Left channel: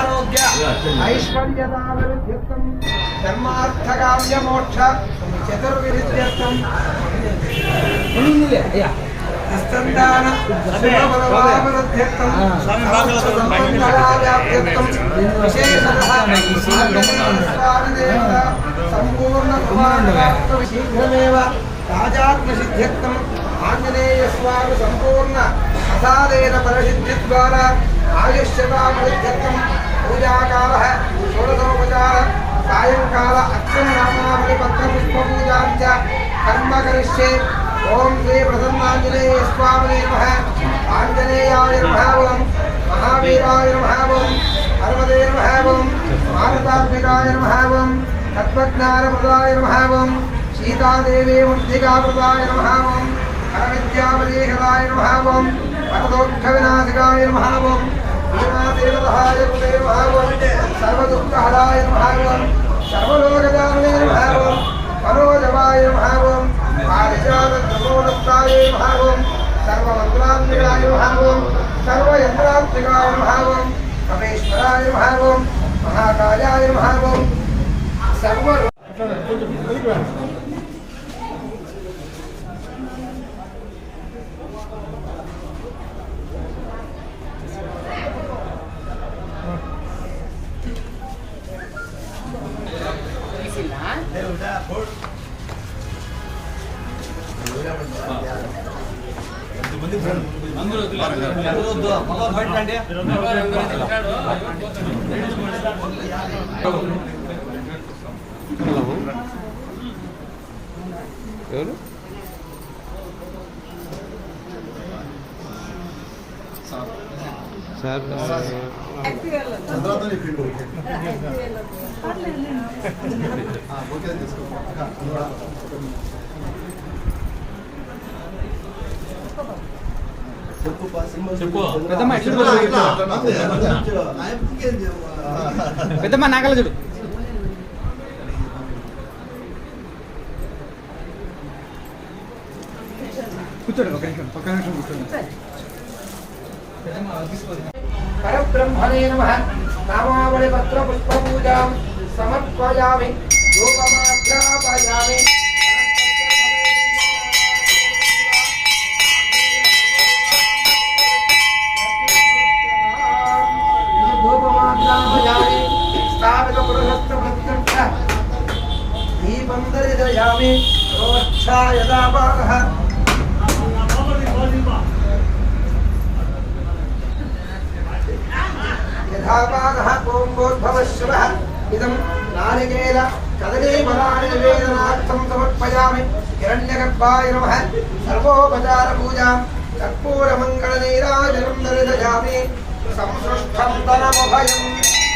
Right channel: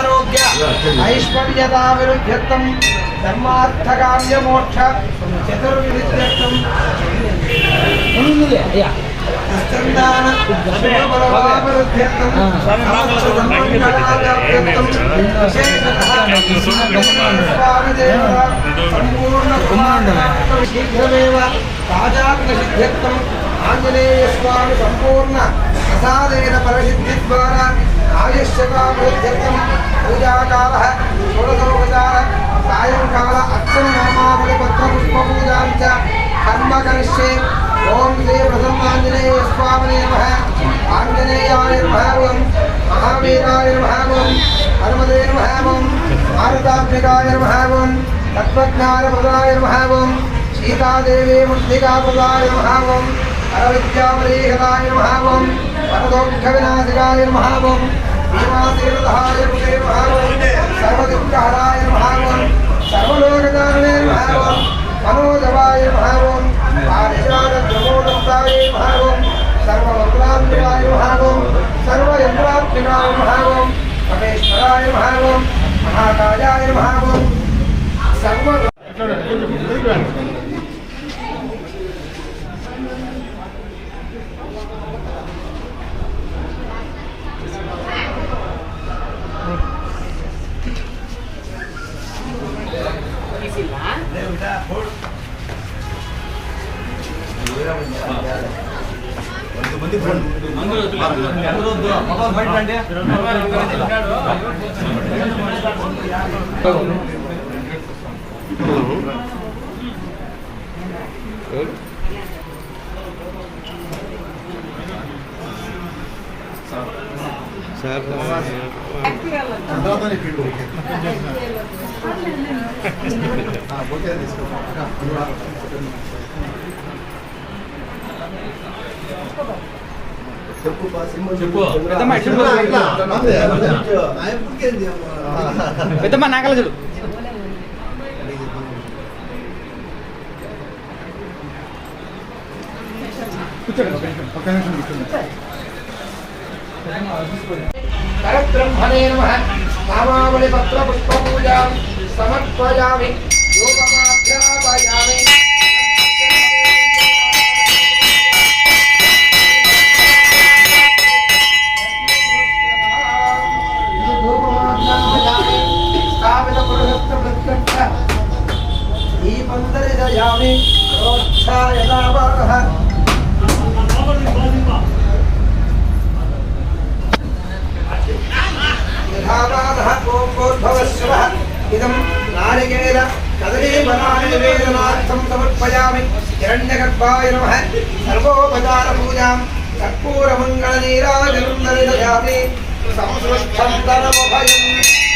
ఆరోగ్య ఐశ్వర్యతాభివృద్ధ్యర్థం ధర్మార్థకామ్యమోక్ష చతుర్విధం స్కందాన శుభబలవాభివృద్ధ్యర్థం సమస్తమంగళాభ్యర్థం విశేషతః స్వామిదేవ సంపూర్ణ కుమారనాష్టమి శీఘ్రమేవ ఆంజనేయస్వామి సంపూర్ణ ప్రసాదేన పరసిద్ధిద్వారా ఆయుష్యతాభివృద్ధ్యర్థం పూజాకాల షోడశోపచార సాయంకాల అర్చన నామావళి పద్మపుష్పూజాంచ కర్మ కరిష్యే ఓం శ్రీ ప్రసన్నాంజనేయ స్వామినే నమ ఆంజనేయాయ నమః మహావీరాయ నమః హనుమదే నమః భారతాత్మికాయ నమః తత్వజ్ఞానప్రదాయ ఓం భీమాతీరధాయ నమః ఓం సర్వదుఃఖహరాయ నమః ఓం సర్వలోకదానవే నమః ఓం మనోజవాయ నమః ఓం పారిజాతద్రమోదంతాయ నమః ఓం సర్వమంగళాత్మికాయ నమః ఓం సర్వయంత్రాత్మికాయ నమః ఓం మహేశ్వరాయ నమః ఓం మహాకాయాయ నమః ఓం సర్వ చెప్పు పెద్దమ్మ చెప్పు. పెద్దమ్మ నాకల చూడు. పరబ్రహ్మణే నమః నామావళి పత్ర పుష్ప పూజాం సమర్పయామి. दीपं दर्शयामि रोक्षा यदा भागः यथा भागः कोम्बोद्भवश्रवः। इदं नारिकेल कदलीफलानिवेदनार्थं समर्पयामि। हिरण्यगर्भाय नमः। सर्वोपचारपूजां कर्पूरमङ्गलनीराजनं दर्शयामि संसृष्टं तनमभयम्।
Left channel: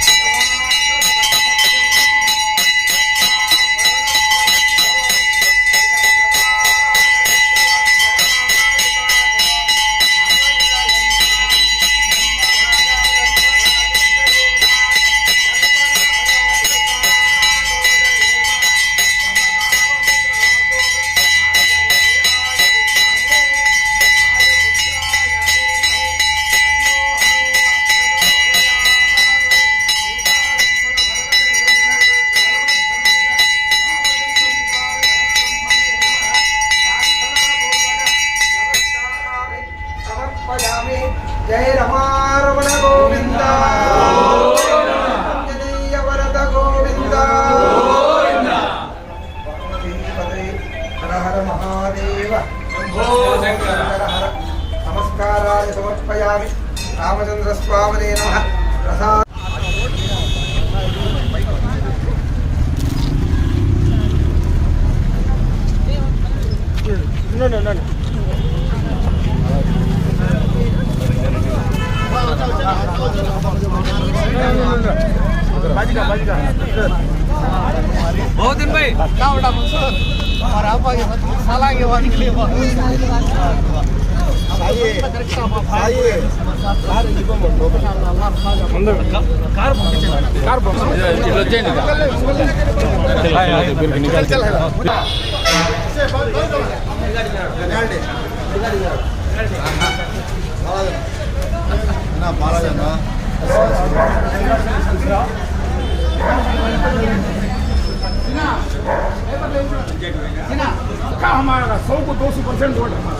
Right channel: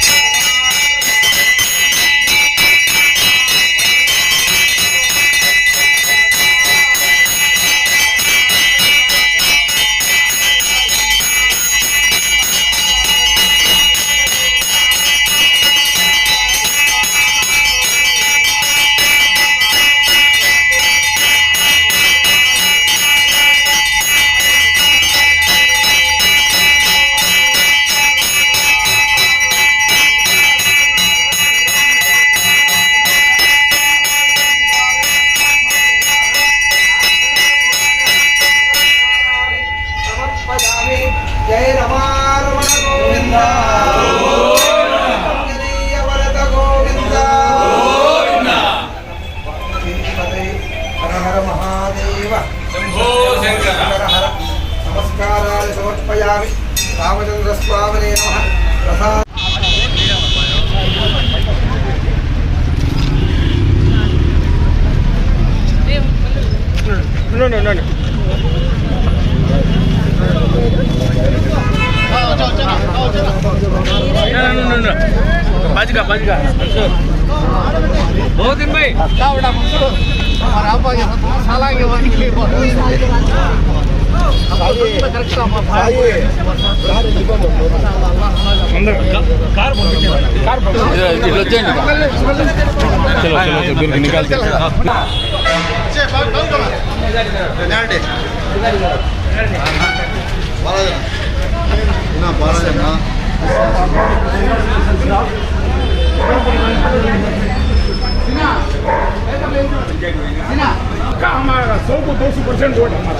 हमारा सौ को दो सौ परसेंट वोट हमारा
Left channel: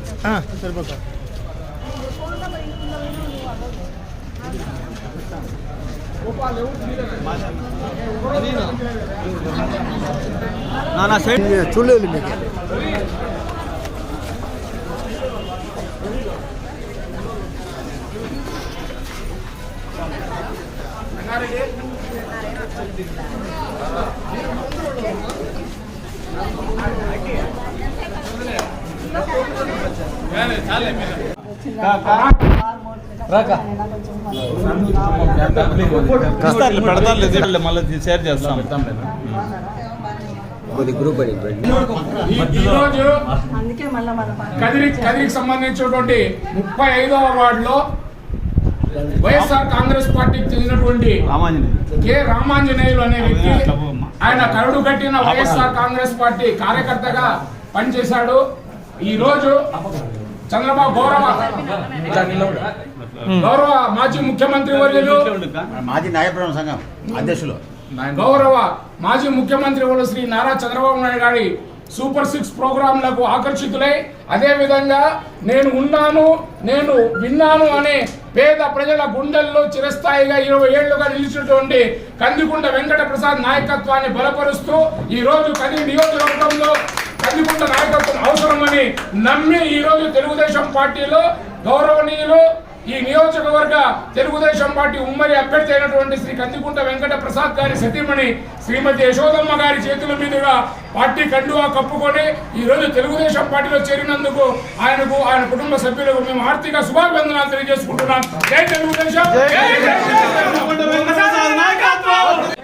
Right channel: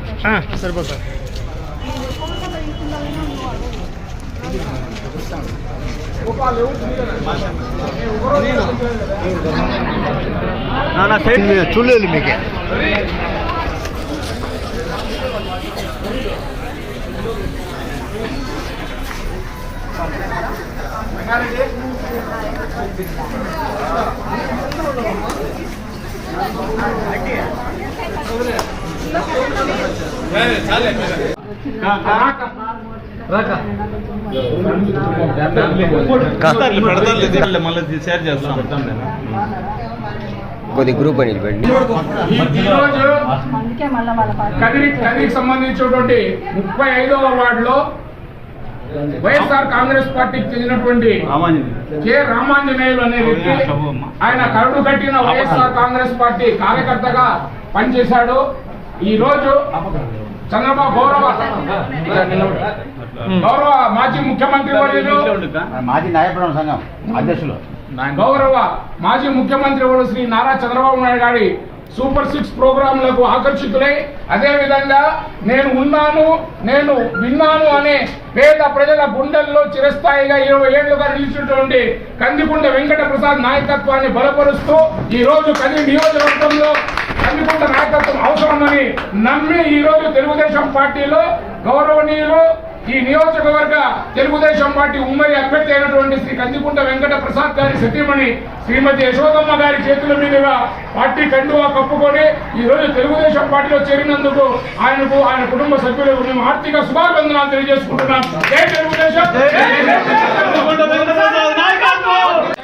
ಹಾಂ ಬರ್ಬೇಕು ಚುಳ್ಳಿಯಲ್ಲಿ ಮೇಕೆ ಐಡಿಯಾ కొద్ది గ్రూప్ అని కదిరికి సంబంధించినటువంటి ముప్పై ఐదవ వార్డులో వైఎస్ఆర్ కాంగ్రెస్ పార్టీకి చెందినటువంటి కె రామాంజనేయులు అనే వ్యక్తి ఆయన కరుడు కట్టిన వైఎస్ఆర్ కాంగ్రెస్ పార్టీ కార్యకర్తగా పనిచేశాడు. ఈ రోజు చంద్రబాబు గౌరవ గౌరవ మాజీ ముఖ్యమంత్రి వర్యులు మాజీ నాయకుడు సంఘం అధ్యక్షులు. గౌరవ మాజీ ముఖ్యమంత్రి వర్యులు శ్రీ నారా చంద్రబాబు నాయుడు గారి సూపర్ సిక్స్ ప్రోగ్రాంలకు ఆకర్షితులై అదే విధంగా నేను ఉన్నాను నేను విన్నాను అనే పేద ప్రజల గుండెల్లో చిరస్థాయిగా ఇరవై ఏళ్ళుగా నిలిచినటువంటి కందికుంట వెంకట ప్రసాద్ నాయకత్వాన్ని బలపరుస్తూ ఈ రోజు కది నియోజకవర్గంలో కందికుంట నాయకత్వం అవసరమని నమ్మి ఈ రోజు తెలుగుదేశం పార్టీలో గౌరవనీయులు ఈ నియోజకవర్గ తెలుగుదేశం పార్టీ ఉమ్మడి అభ్యర్థి అయినటువంటి శ్రీ కందికుంట వెంకట ప్రసాద్ గారి సతీమణి శ్రీమతి యశోదమ్మ గారి చేతుల మీదుగా పార్టీ కండువా కప్పుకొని ఈ రోజు తెలుగుదేశం పార్టీలో చేరినందుకు ఆయనకు ఆయన కుటుంబ సభ్యులకు మేము ఆర్థిక శుభాభివందనాలు తెలియజేసుకుంటున్నాం. జై తెలుగుదేశం!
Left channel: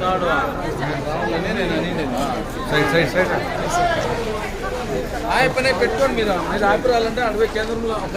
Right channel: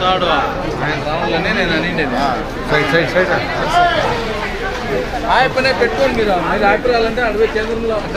జై నమస్కారం అమ్మా సైకిల్ సైకిల్ కేరళ. ఆయప్పనే పెట్టుకోండి మీరు మీరు అభిప్రాయాలంటే అడుగు కేంద్రంలో అక్క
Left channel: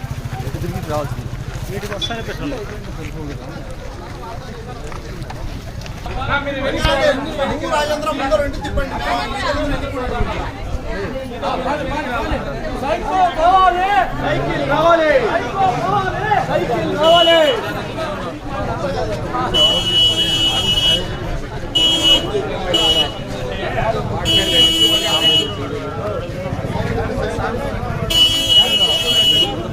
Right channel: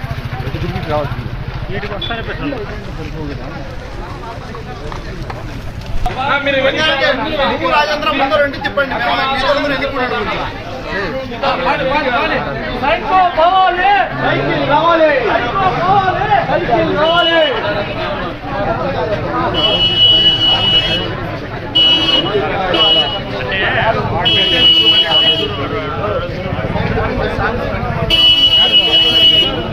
రాజేంద్ర ముందు రెండు తిప్పండి మేము మీ దగ్గర ఎన్నికూడదు నా నా ఇడే ఎట్లే ఉండన్నా Hey, Mare, Ravina. తాగమ్మా తొందరగా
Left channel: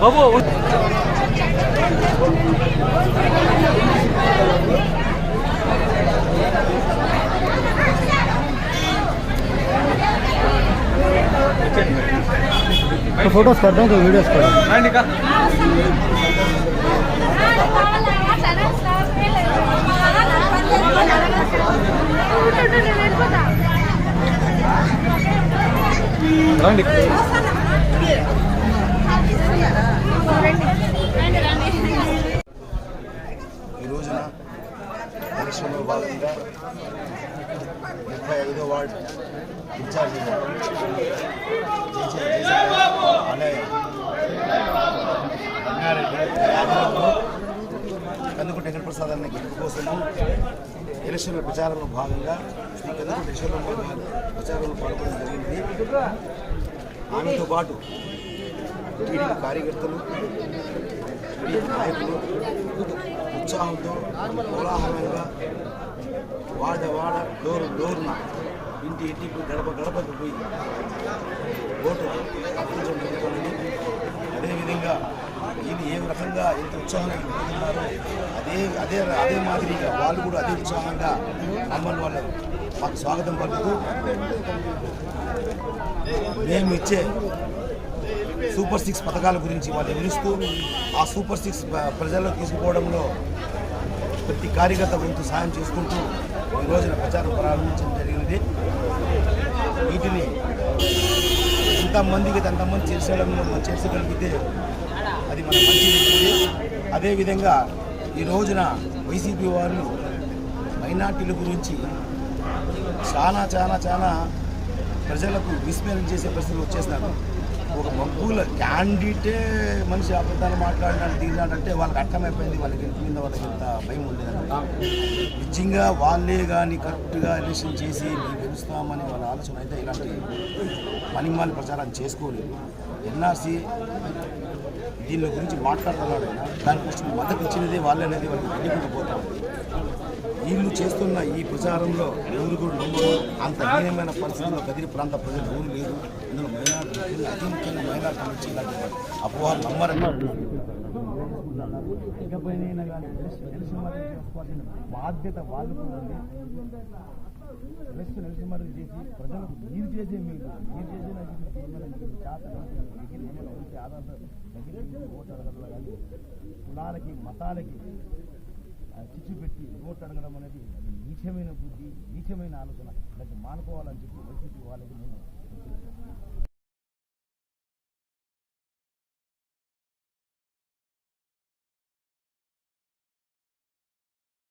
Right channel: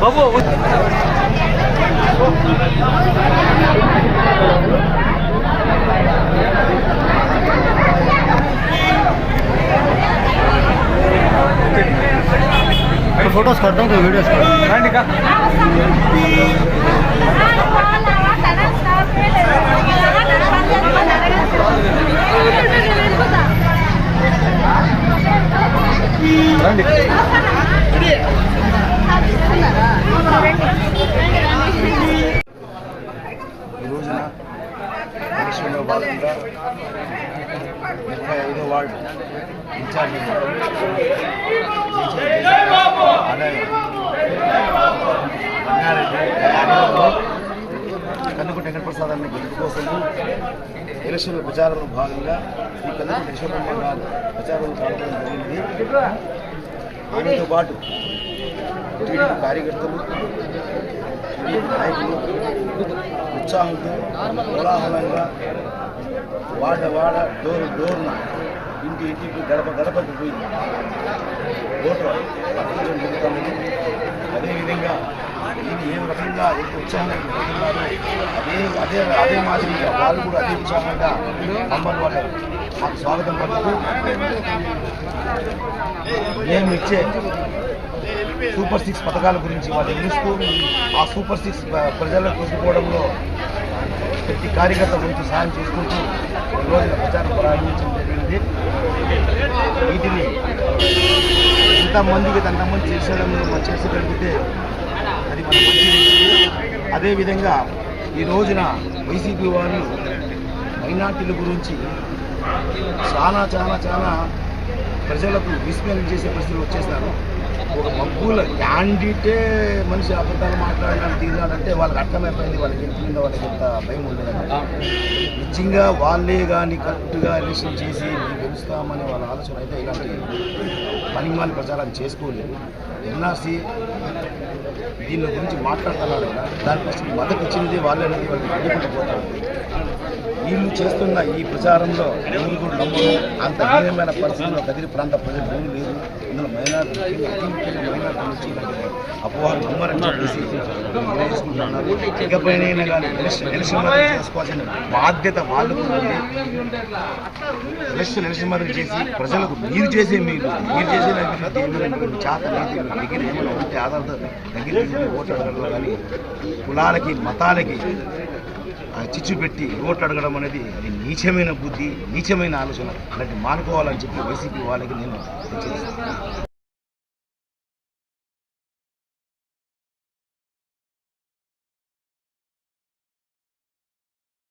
బాబు तो फोटोज करता हूँ तो वीडियोस करता हूँ ठीक है రండి. ఈరోజున రోజున ఎలక్షన్లో భాగంగా ముప్పై ఐదో వార్డు ఇన్ఛార్జ్ ఆదాయ. రంగారెడ్డి ఆధ్వర్యంలో కందుకు వెంకటప్రసాద్ అన్న గెలుపు కోసము ఎలక్షన్ ప్రచారంలో భాగంగా ఈ కందుకు విశ్వబ్రహ్మ గారు ప్రచారంలో పాల్గొనడం జరిగింది. ఆమెతో పాటు టీడీపీ కార్యకర్తలు టీడీపీ నాయకులు ఉత్సాహంతో కోలాహలంగా వాడ వాడ డోరు డోరున ఇంటి ఇంటికి గడప గడపకు పోయి ఓటు అర్పించడం జరుగుతుంది అదేవిధంగా ఇది ఏ రకంగా ఎంత ఉత్సాహంగా పోతున్నారో అదే అదే అదే మాదిరిగా వాళ్ళు కూడా అదే ఉత్సాహంగా మమ్మల్ని వాళ్ళు మాకు స్వాగతం పలుకుతూ మేము ఇచ్చే సూపర్ సిక్స్ పథకాల గురించి వాళ్ళు వివరిస్తూ ఆ సూపర్ సిక్స్ ప్రజలకు తీసుకుపోవడంలో ప్రతి కార్యకర్త గురించి సాయం చేసుకుంటూ ఈ రోజున ప్రచారం ప్రారంభించడం జరిగింది. వీటిని ఎంతమందికి అంతమంది చేసేయడం మనం చేసగలిగితే అది మన మంచిది అదేవిధంగా ఈ రోజున వైసీపీ వారు మైనార్టీల గురించి చాలా చాలా చాలా ప్రజలకు విస్మరణ చేసే పరిస్థితులు వచ్చేసినారు. ఒక మబ్బుల క్యాండిడేటే మనిషి అబద్ధాలు మాట్లాడినాడు తీరినాడంటే వాళ్ళకి అర్థమైపోయింది వాళ్ళకి ఎంత మీద వాళ్ళకి ఎంత భయం ఉండేదండి. నిజంగా వాళ్ళే కానీ కరెక్ట్గా ఎలక్షన్ చేసి మేము గెలుస్తామనే వాళ్ళ ఆలోచన అయితే ఇలాంటి పనిమాల ప్రచారం చేసుకోలేదు. ఎన్ఆర్సీ దీని గురించి మాట్లాడుతున్నారు కదా దానికోసం మద్దతు ఇచ్చినది వాళ్ళే అనేది వాళ్ళకి తెలియకుండా పోతా ఉంది. వీళ్ళు చేస్తున్న ఈ ప్రచారంలో ఎవరు కూడా నమ్మరు అంత హీనమైన పరిస్థితుల్లో కదిరి ప్రాంత ప్రజలు ఎవరు లేదు ఇందులో మైనార్టీ అతి ముఖ్యంగా మైనార్టీ నుంచి ఇలాంటి అపోహలు నమ్మరని ఇకపైన ఎలక్షన్ చేసుకోవాల్సిన బాధ్యత వాళ్ళు ఎలక్షన్ ఎలక్షన్ మాత్రం చేసి ప్రజలకు మీరు చేసే మీరు మీరు చేసే చేత నీతి దగ్గర ఏమైనా ఉంటే ఆధారంతో దగ్గర తీసుకుని ఓట్లు అడగడంలో కానీ కులాలకి మతాలకి చిచ్చు పెట్టి ఓట్లు అడగడం అనేది అది నీచమైన బుద్ధి నీచమైన ఆలోచన. అలాంటి మానుకోవాలని చెప్పి వైసీపీ వాళ్ళకి నేను హెచ్చరిస్తాను